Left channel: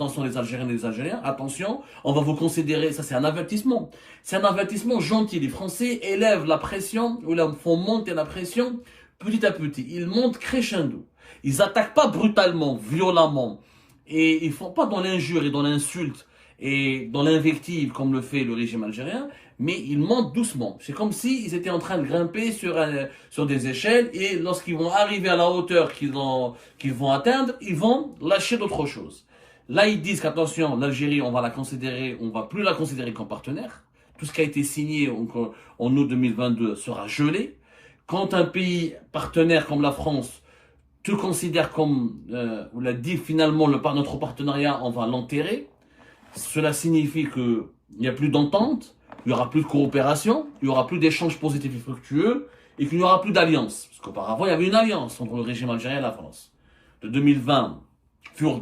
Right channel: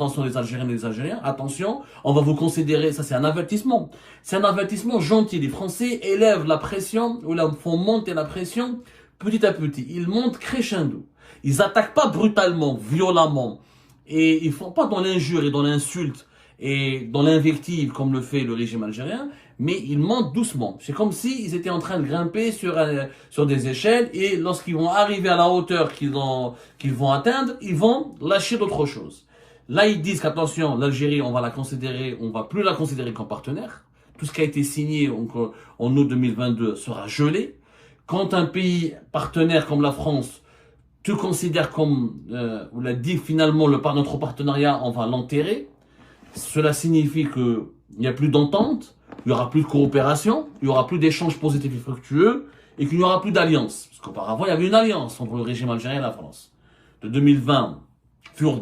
attention les Algériennes et les Algériens, attention, on va vous considérer, ça c'est un avertissement. C'est un avertissement gentil. Les Français élèvent la pression, ou font monter la pression petit à petit. Ils montent crescendo. Ils n'attaquent pas brutalement, violemment. Et ils ne font pas dans l'injure et dans l'insulte et dans l'invective comme le fait le régime algérien, mais ils montent doucement. C'est comme s'ils étaient en train de grimper sur des échelles et lorsqu'ils vont arriver à la hauteur qu'ils vont atteindre, ils vont lâcher d'autres choses. Là, ils disent qu'attention, l'Algérie, on va plus la considérer comme partenaire. Tout ce qui a été signé en août 2022 sera gelé. Quand un pays partenaire comme la France te considère comme, on l'a dit finalement, notre partenariat, on va l'enterrer. Cela signifie qu'il n'y a plus d'entente, il n'y aura plus de coopération, il n'y aura plus d'échanges positifs et fructueux, et qu'il n'y aura plus d'alliance. Parce qu'auparavant, il y avait une alliance entre le régime algérien et la France. De 2020,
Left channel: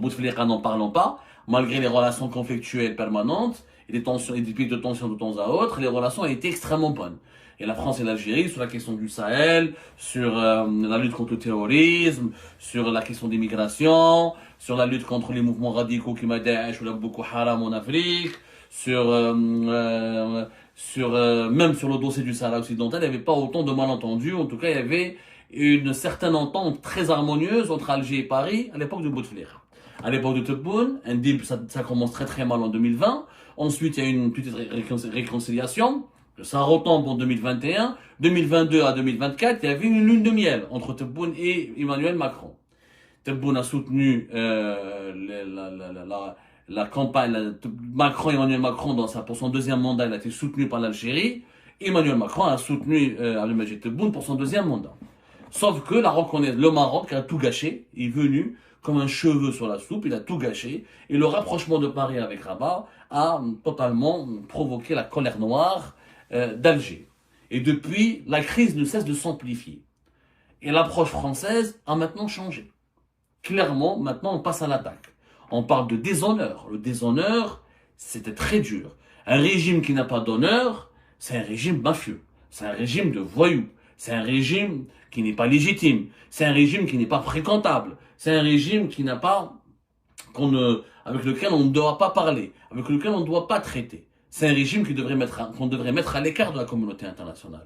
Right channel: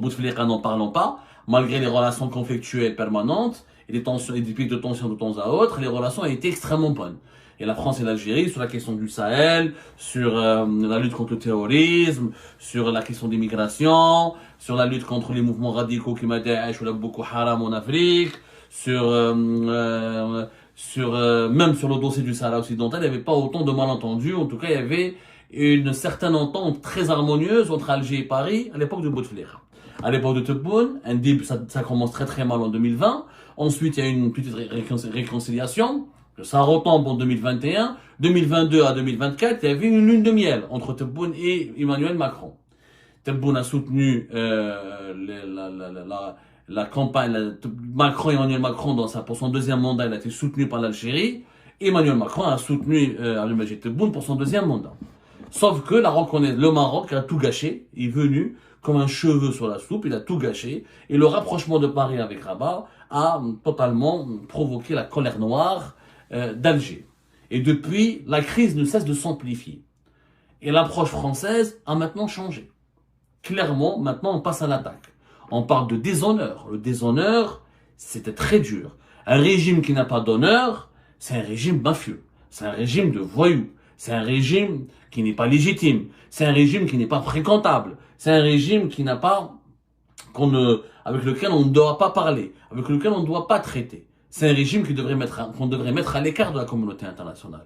Bouteflika n'en parlons pas, malgré les relations conflictuelles permanentes, et des pics de tension de temps à autre, les relations ont été extrêmement bonnes. Et la France et l'Algérie sur la question du Sahel, sur la lutte contre le terrorisme, sur la question des migrations, sur la lutte contre les mouvements radicaux qui Daesh ou la Boko Haram en Afrique, même sur le dossier du Sahara occidental, il n'y avait pas autant de malentendus. En tout cas, il y avait une certaine entente très harmonieuse entre Alger et Paris à l'époque de Bouteflika. À l'époque de Tebboune, ça commence très très mal en 2020. Ensuite, il y a une petite réconciliation. Ça retombe en 2021. 2022 à 2024, il y avait une lune de miel entre Tebboune et Emmanuel Macron. Tebboune a soutenu la campagne. Emmanuel Macron, pour son deuxième mandat, il a été soutenu par l'Algérie. Emmanuel Macron a soutenu Abdelmadjid Tebboune pour son deuxième mandat. Sauf que le Maroc a tout gâché. Il est venu comme un cheveu sur la soupe, il a tout gâché. Et le rapprochement de Paris avec Rabat a totalement provoqué la colère noire d'Alger. Et depuis, la crise ne cesse de s'amplifier. Et l'approche française a maintenant changé. Clairement, maintenant, on passe à l'attaque. On parle de déshonneur. Le déshonneur, c'était très dur. Un régime qui n'a pas d'honneur, c'est un régime mafieux. C'est un régime de voyous. C'est un régime qui n'est pas légitime. C'est un régime qui n'est pas fréquentable. C'est un régime qui n'a pas, avec lequel on ne doit pas parler, avec lequel on ne doit pas traiter. C'est un régime qu'on devrait mettre à l'écart de la communauté internationale.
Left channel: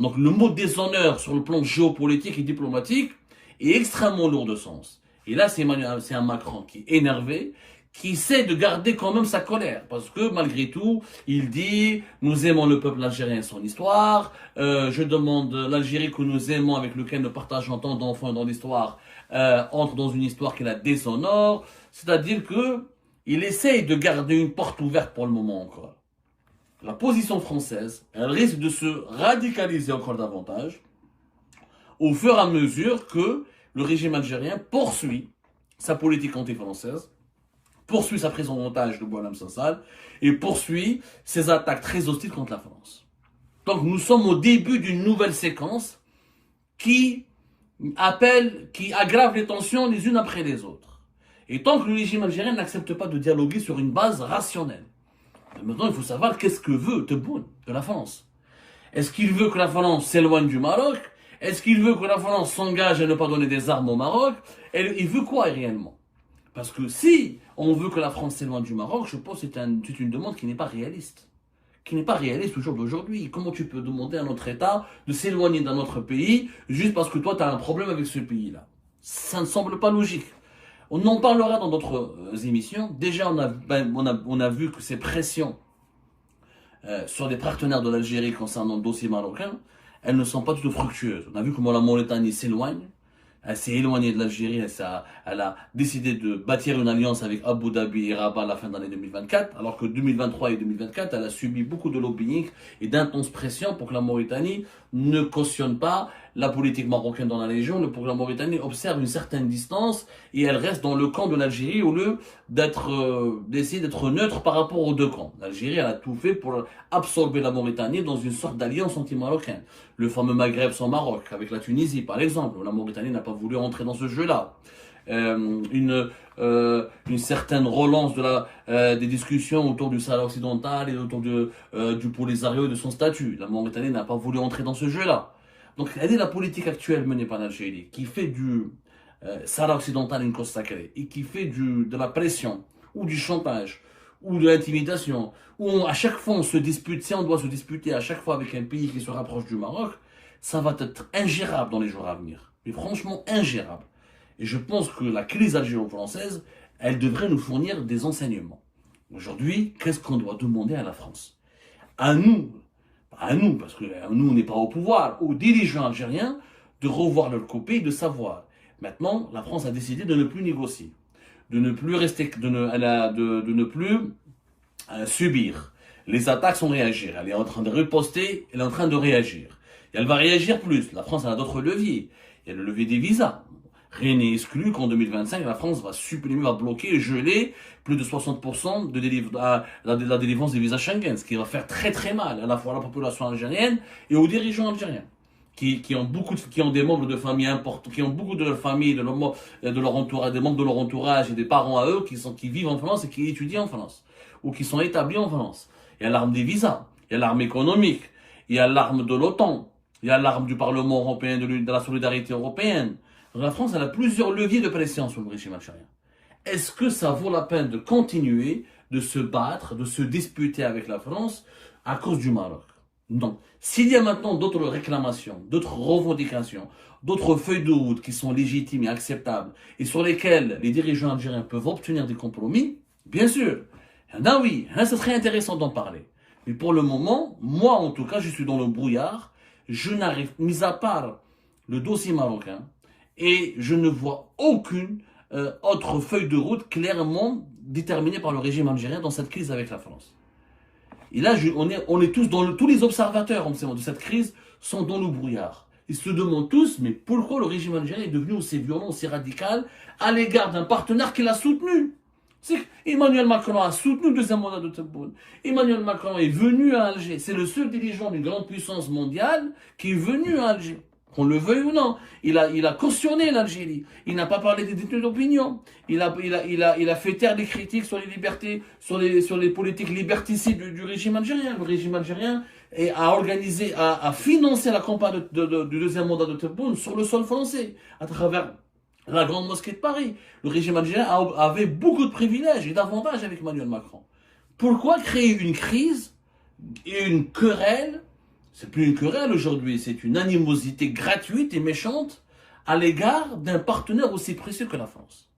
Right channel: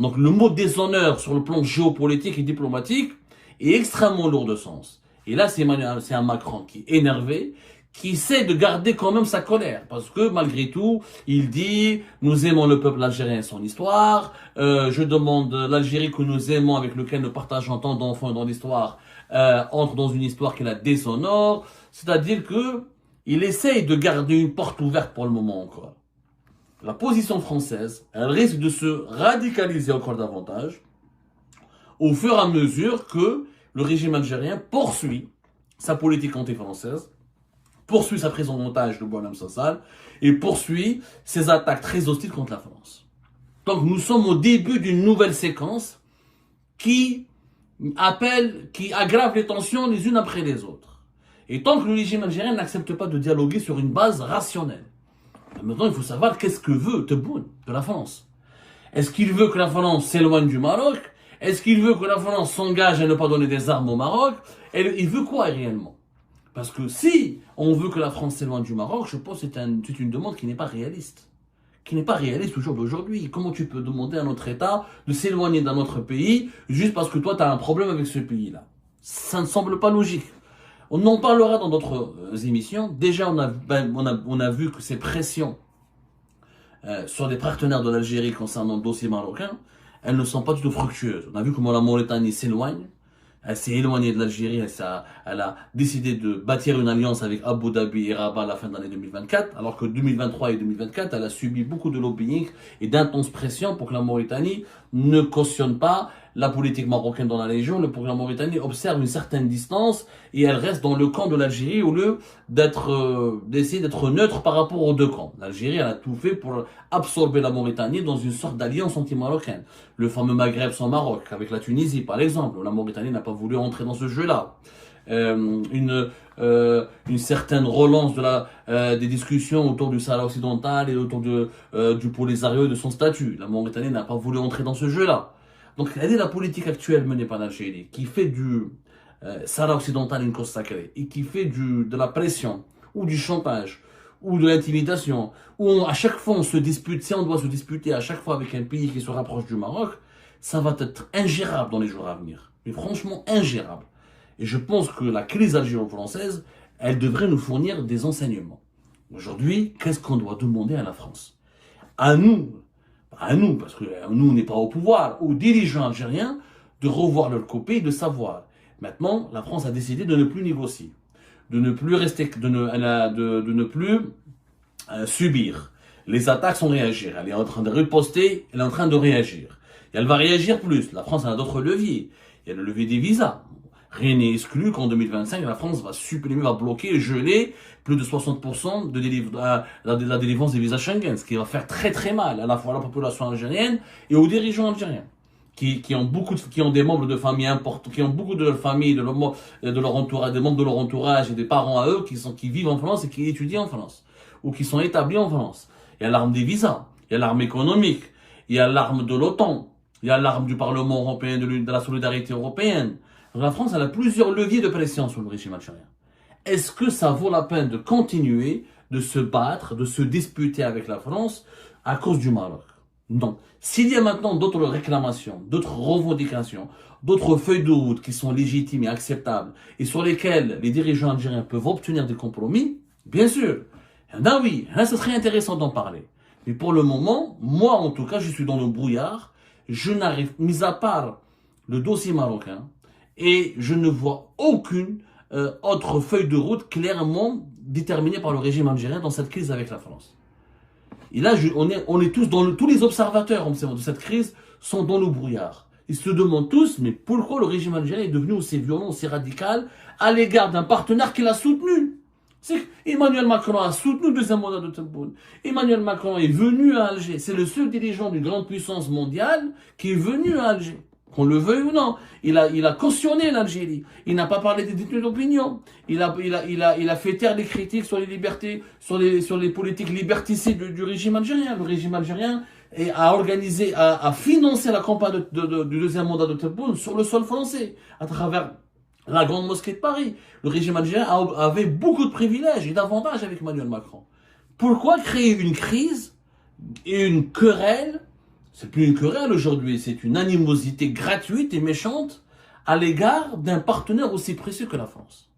Donc le mot déshonneur sur le plan géopolitique et diplomatique est extrêmement lourd de sens. Et là, c'est un Macron qui est énervé, qui essaie de garder quand même sa colère. Parce que malgré tout, il dit « Nous aimons le peuple algérien et son histoire. Je demande l'Algérie que nous aimons, avec lequel nous partageons tant d'enfants dans l'histoire, entre dans une histoire qui la déshonore. » C'est-à-dire que il essaye de garder une porte ouverte pour le moment encore. La position française, elle risque de se radicaliser encore davantage au fur et à mesure que le régime algérien poursuit sa politique anti-française, poursuit sa prise en otage de Boualem Sassal et poursuit ses attaques très hostiles contre la France. Donc nous sommes au début d'une nouvelle séquence qui aggrave les tensions les unes après les autres. Et tant que le régime algérien n'accepte pas de dialoguer sur une base rationnelle, maintenant il faut savoir qu'est-ce que veut Tebboune de la France. Est-ce qu'il veut que la France s'éloigne du Maroc? Est-ce qu'il veut que la France s'engage à ne pas donner des armes au Maroc? Et il veut quoi réellement? Parce que si on veut que la France s'éloigne du Maroc, je pense que c'est une demande qui n'est pas réaliste. Qui n'est pas réaliste au jour d'aujourd'hui. Comment tu peux demander à notre État de s'éloigner d'un autre pays juste parce que toi tu as un problème avec ce pays-là? Ça ne semble pas logique. On en parlera dans d'autres émissions. Déjà, on a vu que ces pressions sur les partenaires de l'Algérie concernant le dossier marocain, elles ne sont pas du tout fructueuses. On a vu comment la Mauritanie s'éloigne. Elle s'est éloignée de l'Algérie. Elle a décidé de bâtir une alliance avec Abu Dhabi et Rabat à la fin de l'année 2024. Alors que 2023 et 2024, elle a subi beaucoup de lobbying et d'intenses pressions pour que la Mauritanie ne cautionne pas la politique marocaine dans la région, pour que la Mauritanie observe une certaine distance et elle reste dans le camp de l'Algérie au lieu d'essayer d'être neutre par rapport aux deux camps. L'Algérie, elle a tout fait pour absorber la Mauritanie dans une sorte d'alliance anti-marocaine. Le fameux Maghreb sans Maroc, avec la Tunisie par exemple, où la Mauritanie n'a pas voulu entrer dans ce jeu-là. Une certaine relance des discussions autour du Sahara occidental et autour du Polisario et de son statut. La Mauritanie n'a pas voulu entrer dans ce jeu-là. Donc, elle est la politique actuelle menée par l'Algérie, qui fait Sahara occidental une cause sacrée, et qui fait de la pression, ou du chantage, ou de l'intimidation, où à chaque fois on se dispute, si on doit se disputer à chaque fois avec un pays qui se rapproche du Maroc, ça va être ingérable dans les jours à venir. Mais franchement, ingérable. Et je pense que la crise algéro-française, elle devrait nous fournir des enseignements. Aujourd'hui, qu'est-ce qu'on doit demander à la France? À nous, parce que nous, on n'est pas au pouvoir, aux dirigeants algériens, de revoir leur copie et de savoir. Maintenant, la France a décidé de ne plus négocier, de ne plus rester, de ne plus subir. Les attaques sont réagir. Elle est en train de riposter, elle est en train de réagir. Et elle va réagir plus. La France a d'autres leviers. Il y a le levier des visas. Rien n'est exclu qu'en 2025, la France va supprimer, va bloquer, geler plus de 60% de la délivrance des visas Schengen, ce qui va faire très très mal à la fois à la population algérienne et aux dirigeants algériens, qui ont des membres de famille importants, qui ont beaucoup de leur famille, de leur entourage, des membres de leur entourage et des parents à eux qui vivent en France et qui étudient en France, ou qui sont établis en France. Il y a l'arme des visas, il y a l'arme économique, il y a l'arme de l'OTAN, il y a l'arme du Parlement européen, de la solidarité européenne. Donc la France, elle a plusieurs leviers de pression sur le régime algérien. Est-ce que ça vaut la peine de continuer de se battre, de se disputer avec la France à cause du Maroc? Non. S'il y a maintenant d'autres réclamations, d'autres revendications, d'autres feuilles de route qui sont légitimes et acceptables et sur lesquelles les dirigeants algériens peuvent obtenir des compromis, bien sûr. Là, oui, là, ce serait intéressant d'en parler. Mais pour le moment, moi en tout cas, je suis dans le brouillard. Je n'arrive, mis à part le dossier marocain, et je ne vois aucune autre feuille de route clairement déterminée par le régime algérien dans cette crise avec la France. Et là, on est tous tous les observateurs de cette crise sont dans le brouillard. Ils se demandent tous, mais pourquoi le régime algérien est devenu aussi violent, aussi radical à l'égard d'un partenaire qu'il a soutenu? Emmanuel Macron a soutenu le deuxième mandat de Tebboune. Emmanuel Macron est venu à Alger. C'est le seul dirigeant d'une grande puissance mondiale qui est venu à Alger. Qu'on le veuille ou non, il a cautionné l'Algérie. Il n'a pas parlé des détenus d'opinion. Il a fait taire des critiques sur les libertés, sur les politiques liberticides du régime algérien. Le régime algérien a financé la campagne du deuxième mandat de Tebboune sur le sol français, à travers la grande mosquée de Paris. Le régime algérien avait beaucoup de privilèges et d'avantages avec Emmanuel Macron. Pourquoi créer une crise et une querelle? C'est plus une querelle aujourd'hui, c'est une animosité gratuite et méchante à l'égard d'un partenaire aussi précieux que la France.